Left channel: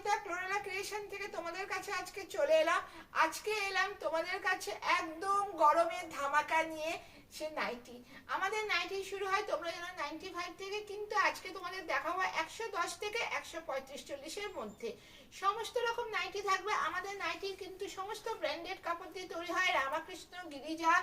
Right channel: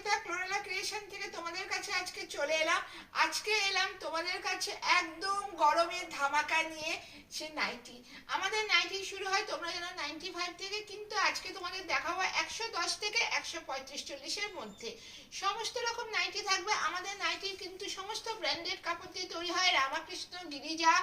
Anita chlorella creation থেকে তোমাদের কাছে আজকে চলে এলাম। আজকে এলাম তোমাদের কাছে একদম গরমের ধামাকা নিয়ে। সে নাইটি, আমাদের নাইটি শুরু হয় তোমরা জানো 95 থেকে, কিন্তু আজকে তোমাদের দেখাবো 110 থেকে 135-40-এর মধ্যে সমস্ত রকম নাইটি থাকবে। আমাদের নাইটি কিন্তু সমস্ত ব্র্যান্ডেড কাপড় দিয়ে তৈরি হয়, রামাকৃষ্ণ, গিরিজা,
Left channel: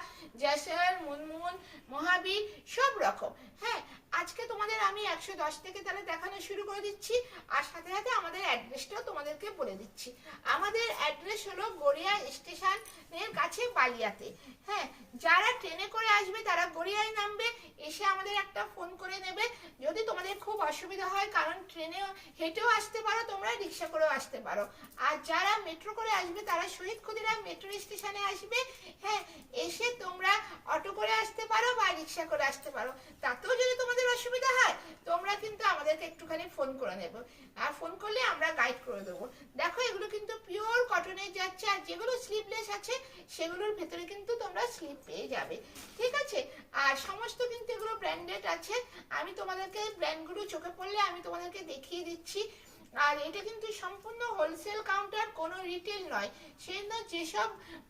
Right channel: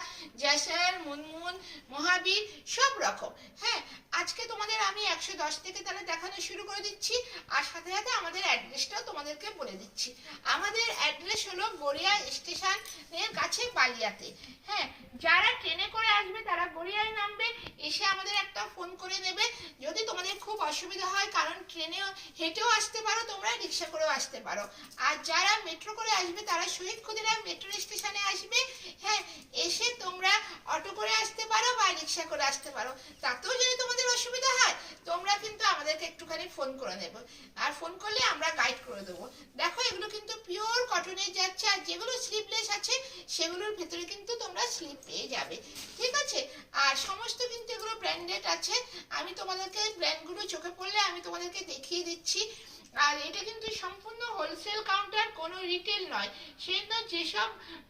জয়সর, মুনমুন, মহাবীর, সব রকম। হ্যাঁ, আজকে তোমাদের আমি 110 থেকে তাহলে দেখানো শুরু করে দিচ্ছি, আর সাথে সাথে আমাদের অ্যাড্রেসটাও তোমাদেরকে বলে দিচ্ছি। আমাদের অ্যাড্রেস হলো গড়িয়া স্টেশনের কাছে বালিয়াতে। হ্যাঁ, যারা ট্রেনে করে আসবে তারা গড়িয়ায় নামবে, এসে আমাদের একটা ফোন করে নেবে। যদি তোমাদের খুব অসুবিধা হয়, কারণ ট্রেনে হেঁটেও আসতে পারো তোমরা, রিক্সা করেও আসতে পারো। আর যারা মেট্রো করে আসবে তারা শহীদ ক্ষুদিরাম মেট্রো স্টেশনে আসবে। হ্যাঁ, এসে তোমরা অটো করে আসতে পারো বা রিক্সা করে আসতে পারো। তাতেও যদি তোমাদের অসুবিধা হয় তোমরা কিন্তু আমাদেরকে একটুখানি ফোন করে নেবে, আর ফোন করলে আমরা গাইড করে দেবো। দেখো, এগুলো কিন্তু পিওর কটনের যাচ্ছে, আর যেগুলো স্লিভলেস আছে সেগুলোর ভেতরে কিন্তু তোমরা স্লিপ পেয়ে যাবে। ঠিক আছে, আর সমস্ত কিন্তু এগুলো ব্র্যান্ডেড আছে। আমি তোমাদেরকে ব্র্যান্ডগুলো চোখে পড়লে আমি তোমাদেরকে দেখিয়ে দিচ্ছি। আর এটা কিন্তু সম্পূর্ণ হোলসেল কাউন্টার, কোনো রিটেল নয়। সেই জন্য যেসব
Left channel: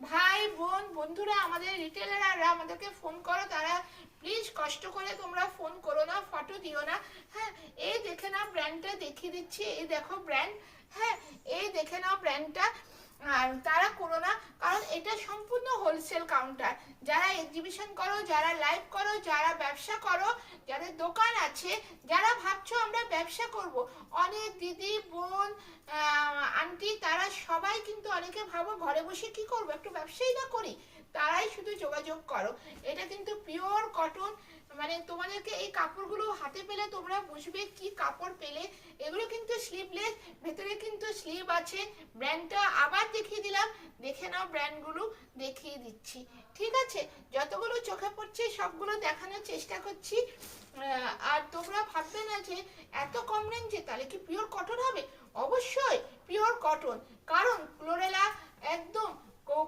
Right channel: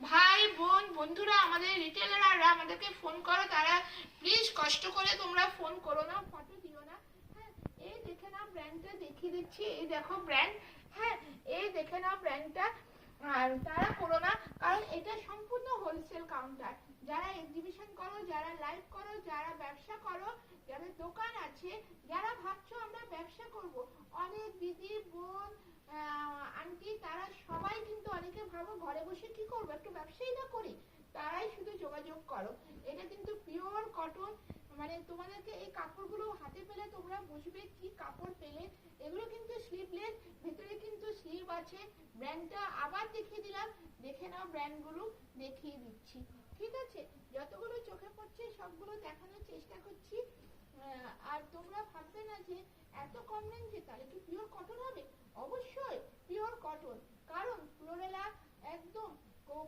ভাই বোন বন্ধুরা আমাদের রিটেলাররা আমাদেরকে ফোন করো, তারা প্লিজ কষ্ট করে তোমরা ফোন করো না, ফটো দিও না। হ্যাঁ, এই দেখে নাও ব্র্যান্ডটা দেখিয়ে দিচ্ছি, এই দেখো ব্র্যান্ড। হ্যাঁ, এই দেখে নাও ব্র্যান্ডটা। আর তারা করো না, কারণ এটা সম্পূর্ণ হোলসেল কাউন্টার। যারা এক্সিবিশন করো, যারা লাইভ করো, যারা ব্যবসা করো, যাদের দোকান আছে, যারা ভাবছো আমরা ব্যবসা করব, অনেক দিদি বোন আন্টি তারা সবাই কিন্তু, অনেকে ভাবো ঘরে বসে কি করবো, একটু ব্যবসাই না করি, তারাই শুধু যোগাযোগ করো। এটা কিন্তু পিওর কটন, মানে তোমাদেরকে এই কাপড়গুলো হাতে পেলে তোমরা বুঝবে কি কাপড় পেলে। এগুলো কিন্তু স্লিভলেস, ভেতরে কিন্তু স্লিভ আছে। ব্র্যান্ডটা আবার দেখিয়ে দিলাম, দেখে নাও, ব্র্যান্ডগুলো দেখিয়ে দিচ্ছি। ঠিক আছে, যতগুলো চোখে পড়ছে সবগুলো দেখানোর চেষ্টা করছি। আর তোমরা ভাববে না যে এত কম রেঞ্জে তাহলে কি পিওর কটন হবে। অবশ্যই পিওর কটন, কারণ ক্লোরেলা একদম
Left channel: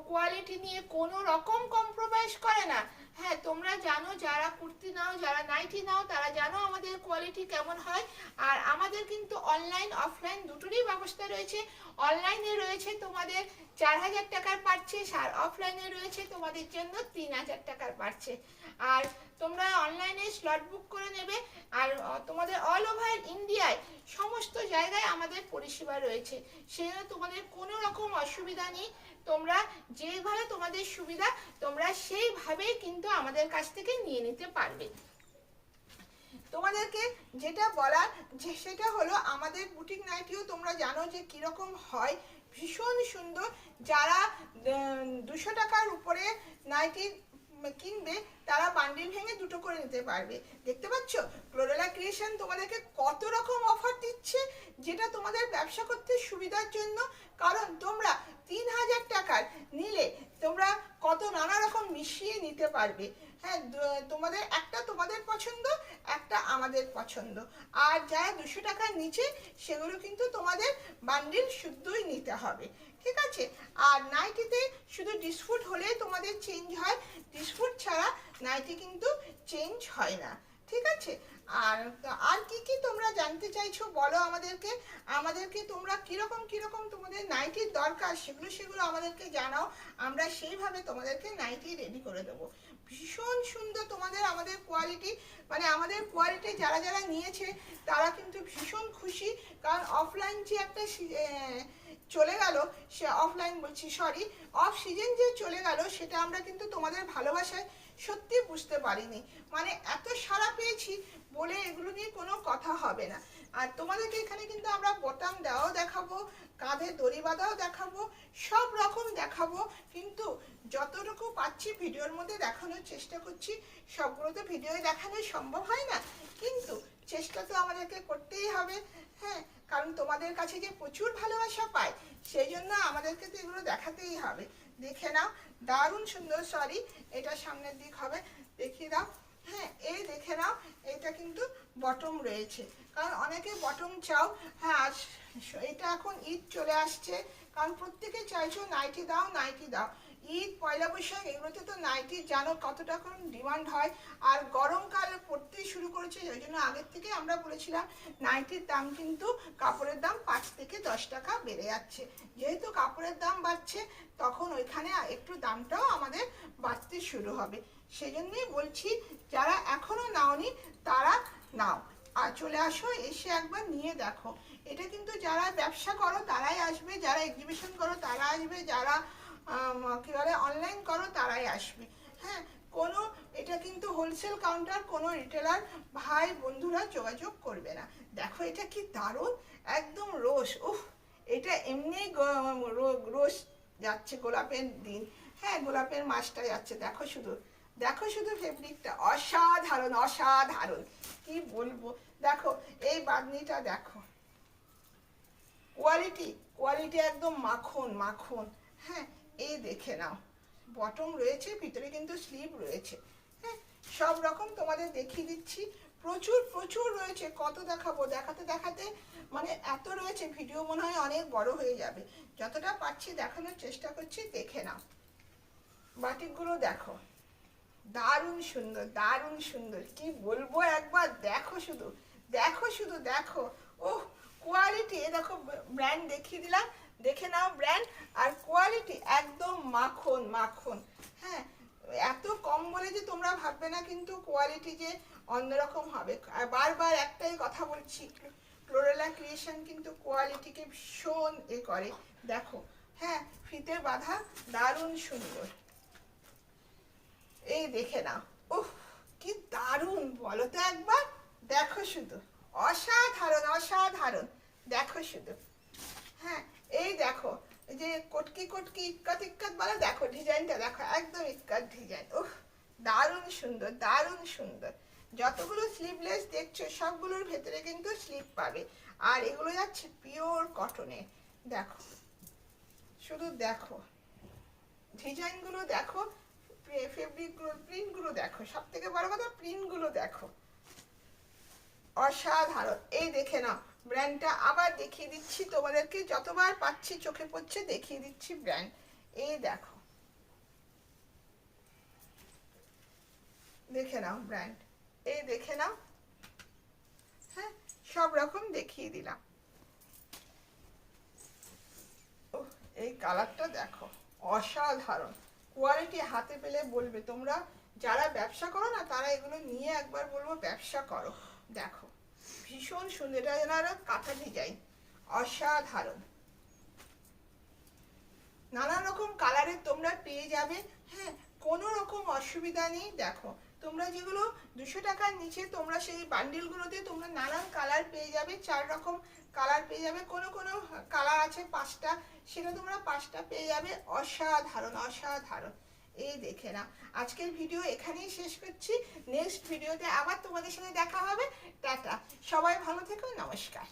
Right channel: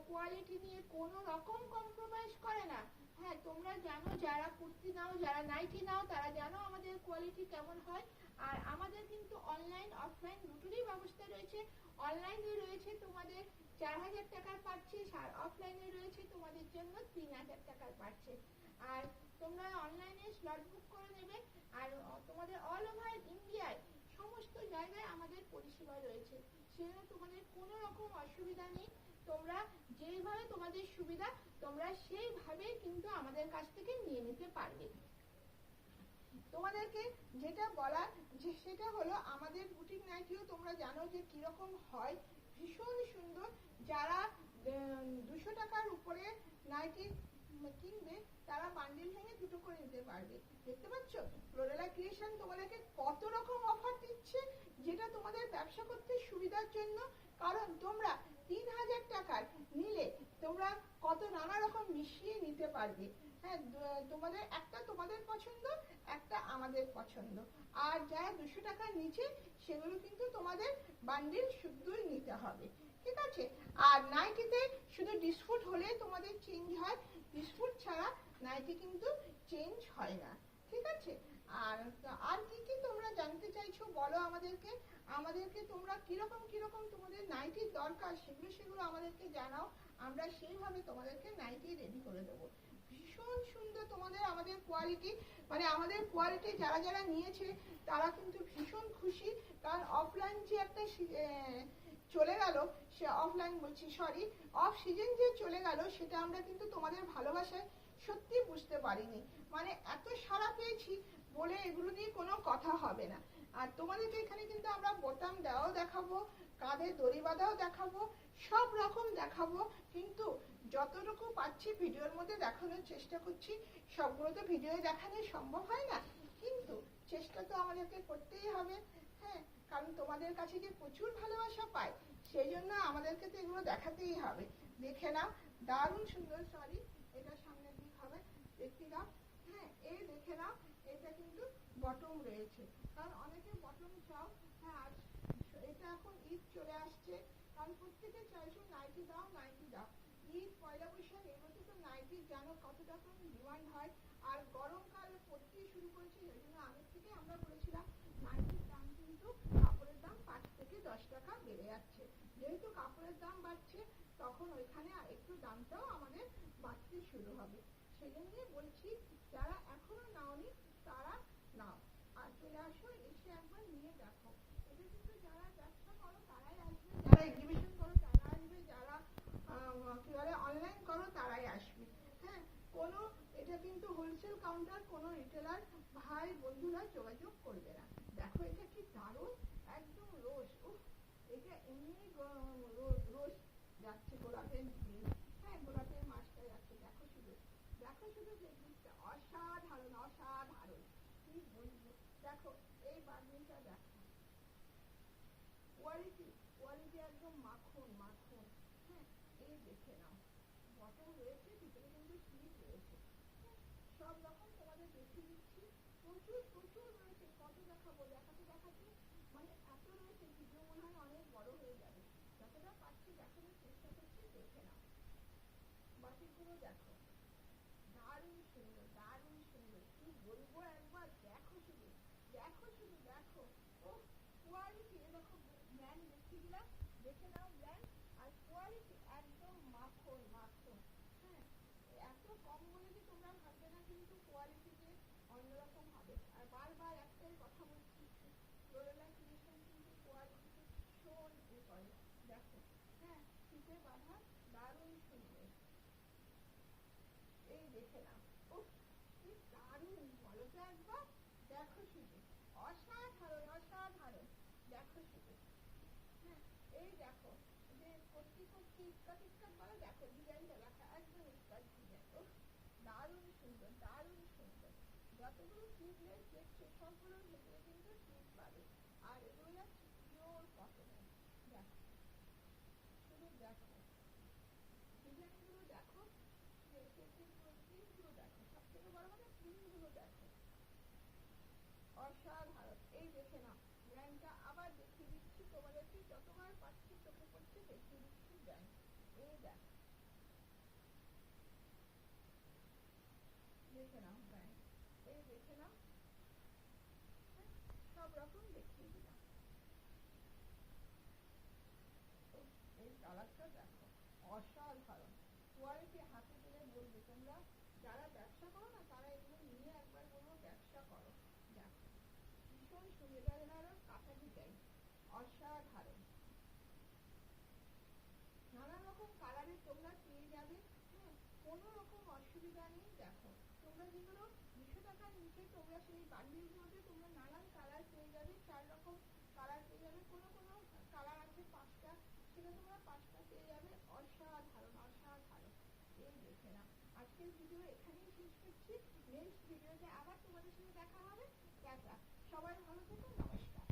কোয়ালিটি নিয়ে কোনো রকম কম্প্রোমাইজ করে না। হ্যাঁ, তোমরা জানো, যারা কুর্তি নাও, যারা নাইটি নাও, তারা জানো আমাদের কোয়ালিটি কেমন হয়। আর আমাদের কিন্তু অনলাইন অফলাইন দুটোরই ব্যবস্থা রয়েছে। অনলাইনে রয়েছে তোমাদের 4000 টাকার পারচেস, আর অফলাইনে রয়েছে তোমাদের জন্য 3000 টাকার পারচেস। আর তোমরা অনলাইনে স্লট বুক করে নেবে। আর তোমাদের অল ওভার ইন্ডিয়ায় সমস্ত জায়গায় আমাদের পরিষেবা রয়েছে, সেজন্য তোমাদের কোনো রকম অসুবিধা নেই। তোমরা যেভাবে তোমাদের সুবিধা তোমরা সেইভাবেই কিন্তু আমাদের কাছ থেকে নিয়ে নিতে পারবে। তোমাদেরকে যেটা বলার যে সেটা হলো, আমাদের বুটিক নাইটিও তোমরা জানো যে কিরকম হয়, ভীষণ সুন্দর। যারা 200 টাকার উপরে নাইটি কিনবে তারা বান্ডিল ভেঙে দুটো করে নিতে পারবে। দেখতে পাচ্ছ ক্লোরেলা ক্রিয়েশন তোমাদেরকে কত রকম অফার দিচ্ছে, যেটা তোমাদের ব্যবসা করতে সুবিধার জন্য। কারণ তোমরা 3000 টাকার নিলে তোমরা কত নানা রকম মিশিয়ে নিতে পারবে। হ্যাঁ, তোমাদের একটা তোমাদের পছন্দ, একটা আমাদের পছন্দ। আর যারা 200 টাকার নিচে সেগুলো কিন্তু তোমাদের বান্ডিল শুদ্ধই নিতে হবে। ঠিক আছে, আর নাইটিতে শুধু ডিসপুট হলে তোমাদের চেঞ্জ হয়, ডিসপুট ছাড়া নাইটি কিন্তু চেঞ্জ হয় না। ঠিক আছে, আর আর কি কি তোমরা জানতে চাইছো বলো আমাদেরকে। আমাদেরকে তোমরা কিরকম কিরকম তোমাদের নাইটির দরকার সেগুলো আমাদেরকে জানাও, আমরা সেইভাবে তোমাদেরকে নাইটি রেডি করে দেবো। ভীষণ সুন্দর তোমাদের আমাদের কোয়ালিটি, মানে আমাদের কোয়ালিটি যারা যারা নিয়েছে তারা কিন্তু ভীষণ খুশি। কারণ অফলাইন যে একটা চলে গেল, সে অফলাইন বলছি সরি, অফ সিজন যে চলে গেল, সেটা আমরা কিন্তু তোমাদের ভালোবাসায় সত্যি বুঝতে পারিনি। মানে এত সাড়া পেয়েছি বলে এগুলো নিয়ে কোনো কথা হবে না। আর তোমাদেরকে এখানে কিন্তু আমরা বোতাম দেওয়াও দেখাবো, কাঁধে দড়ি বাঁধাও দেখাবো, সব রকম দেখাবো। কিন্তু যতটুকু পাচ্ছি ভিডিওর মধ্যে দেখানোর চেষ্টা করছি। সবগুলো তো ভিডিওয় দেখানো সম্ভব হয় না, কিন্তু চেষ্টা তো আমাদেরকে করতেই হবে। হ্যাঁ, কারণ তোমাদের কাছে যে প্রচুর ভালোবাসা পাই, সেই জন্য আমাদেরকে তো এগুলো দেখাতেই হবে। দেখে নাও, দারুণ সুন্দর। সরি, এটা সামনের দিক হবে, দেখিয়ে দাও। হ্যাঁ, এই দেখে নাও, এটা কিন্তু বটম রয়েছে, কারণ অনেকে বটম চাও। হ্যাঁ, এটা এখন ঈদ চলে আসছে, কারণ প্রত্যেকে চাইছো নাইটি দাও নাইটি দাও। ঈদ, পয়লা বৈশাখ এগুলোতে তো নাইটি জানো কতটা এখন ডিমান্ড হয়। আর গরমকাল পড়তেই শুরু করেছে, ওই জন্য আগের থেকে আমরা বলেছিলাম নাইটির দাম কিন্তু কাপড়ের দাম 5 থেকে 10 টাকা বেড়ে যাচ্ছে। যেহেতু কাপড়ের দাম বাড়ছে তখন ওইখানে একটু দামটাও আমাদের বাড়তে শুরু হবে। সেই জন্যই বলছি যারা এখনো নাওনি তারা নাও, আর চলে আসো, এসে একবার নিয়ে দেখো। এটা কিন্তু যারা ব্যবসা করো তারাই আসবে, যারা এক্সিবিশন করো তারা আসবে, যারা কি বলে অনলাইন করো তারাই আসবে। হ্যাঁ, কোনো এটা কিন্তু হোলসেল কাউন্টার, কোনো রিটেলার ভাই বন্ধুরা যোগাযোগ করবে না। দেখো এটা কি দারুণ, একদম রোজ, উফ, এটা এমনি রোজ যাচ্ছে, গোলাপের দিন, হ্যাঁ গোলাপের মাসটা যাচ্ছে। দেখো শুধু, দেখো শুধু ফেব্রিকটা অসাধারণ, অসাধারণ, কি বলবো। দেখো এই বাঁধনিটা দেখো, কোয়ালিটি, কোয়ালিটি একদম মাখন মাখন। হ্যাঁ, এই দেখে নাও, বটম রয়েছে, ভিতরে কিন্তু স্লিভ রয়েছে। হ্যাঁ, সব রকম তোমাদের দেখিয়ে দিচ্ছি, প্রচুর প্রচুর রয়েছে, কত দেখাবো, দেখাতে দেখাতে মানে এত রয়েছে, ভিডিও মনে হয় অনেক বড় হয়ে যাবে। যতটা পারছি দেখানোর চেষ্টা করছি, দেখে নাও। বাটিকগুলো দেখো, দারুণ সুন্দর, দারুণ সুন্দর, কি বলবো, একবার দেখো শুধু, দেখো শুধু দেখো, ওহ কোয়ালিটি, এ দেখো ব্র্যান্ড দেখিয়ে দিলাম, দেখে নাও ব্র্যান্ড, আর কোয়ালিটি একদম মাখন মাখন। হ্যাঁ, এত কম বলে যে তোমরা ভাববে না কিন্তু কোয়ালিটি যে অন্যরকম হবে। আর বারবার একটাই কথা বলছি, ফ্লোরেলা ক্রিয়েশন কিন্তু কোয়ালিটিকে ভীষণ করে। দেখো, হ্যাঁ ফিতে বাঁধা, দারুণ সুন্দর, এই দেখে নাও, উফ কি দারুণ বলো তো একবার, দেখো শুধু, অসাধারণ অসাধারণ, দেখো শুধু। হ্যাঁ, এই দেখো, এই যে কটকি কটকি ইক্কাত ইক্কাত বলে, দেখো ডিজাইনটা দেখো, একদম ইক্কাত ডিজাইন, উফ দারুণ সুন্দর, দারুণ সুন্দর। যতগুলো স্লিভলেস দেখছো সবগুলোর ভেতরে কিন্তু স্লিভ পাবে, আর এগুলো যাচ্ছে পিওর কটনে। দেখো শুধু দেখো, ডিজাইনগুলো দেখো, ফেব্রিকগুলো, প্রিন্টগুলো দেখো, সব থেকে বড় কথা প্রিন্টগুলো দেখো, অসাধারণ। এই দেখে নাও ব্র্যান্ডটা, আবার দেখিয়ে দিচ্ছি তোমাদেরকে, যতবার পাচ্ছি চোখে পড়ছে দেখিয়ে দিচ্ছি ব্র্যান্ড। এই দেখো, দেখে নাও ব্র্যান্ড, এই দেখে নাও। হ্যাঁ, সব রকম দেখিয়ে দিলাম। এই কালারটা দেখো, অসাধারণ কোয়ালিটি, হাতে পেলে বলবে তোমরা যারা ব্যবসা করো না তারা এগুলো নিয়ে একবার বলবো ব্যবসা করো। দেখো ভীষণ সুন্দর, এটা যেন আরো কাঁথা ডিজাইন, অসাধারণ, নানা রকম কালারের তোমরা পেয়ে যাবে। হ্যাঁ, কোনো রকম অসুবিধা নেই। দেখো তোমরা যেগুলো 200 টাকার নিচে, তোমরা সেই বান্ডিলগুলোতে তোমরা নানান কালার পেয়ে যাবে, 4 রকম কালার পেয়ে যাবে, কোনো কোনো কালার আছে 5টা, সেটা তোমরা 5টা পেয়ে যাবে, অসাধারণ অসাধারণ। এই দেখে না, আজকের ভিডিও এখানেই শেষ করছি, নেক্সট ভিডিওতে আবার তোমাদের সাথে দেখা হবে। টাটা, সবাই ভালো থেকো, নমস্কার।